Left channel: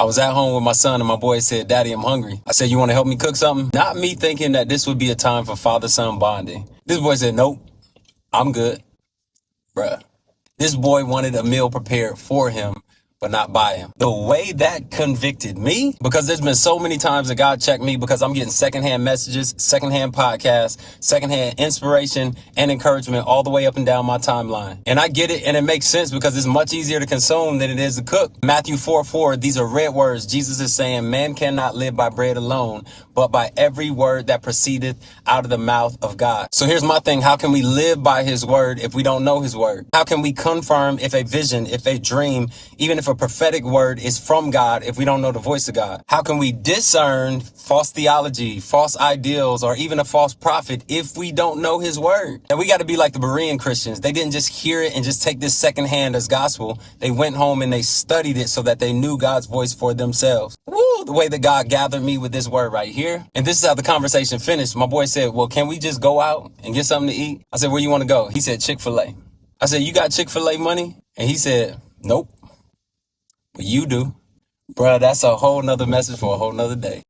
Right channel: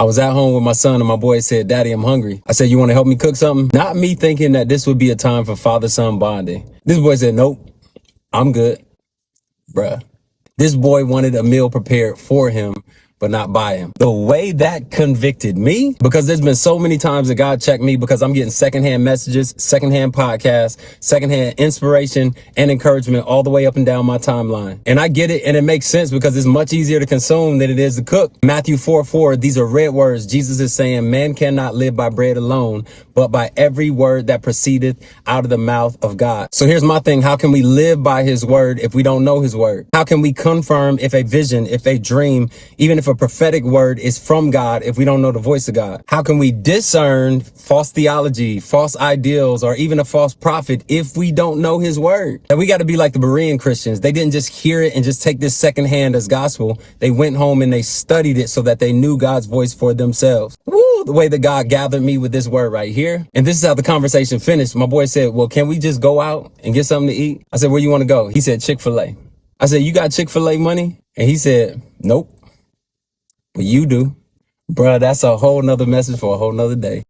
I was at home with my son and my boy said, "Daddy, I'm hungry." I said, "You want to help me cook something?" Not me thinking that this would be a time for father-son bonding. This boy said, "Nope, I'm good." Bruh. This boy wanted a meal prepared for him, but not by him. The way that convicted me, because there's been so many times that God checked me because I'm getting secondhand messages, secondhand podcasts, secondhand inspiration and encouragement all the way up and down my timeline. And I get it, and it makes sense because it's much easier to consume than it is to cook. Matthew 4:4, these are red words. Jesus is saying, man cannot live by bread alone, but by every word that proceedeth out of the mouth of God. So here's my thing. How can we live by his word if we don't know his word? How can we confirm if a vision, if a dream, even if a prophetic word is from God if we don't know the voice of God? How can we discern false theology, false ideals, or even a false prophet if we don't know his word? And we got to be like the Berean Christians. They didn't just hear it and just take this secondhand as gospel. They went home and they studied it so that they knew God's voice for themselves. Woo! The way that God gathered me with this word right here. And this is how the conversation finished. My boy said, "Well, can we just go out and get something to eat?" I said, "Where you want to go?" He said, "Chick-fil-A." I said, "You got Chick-fil-A money?" And he said, "Nope. But you do." Bruh, that's a whole nother message for a whole nother day.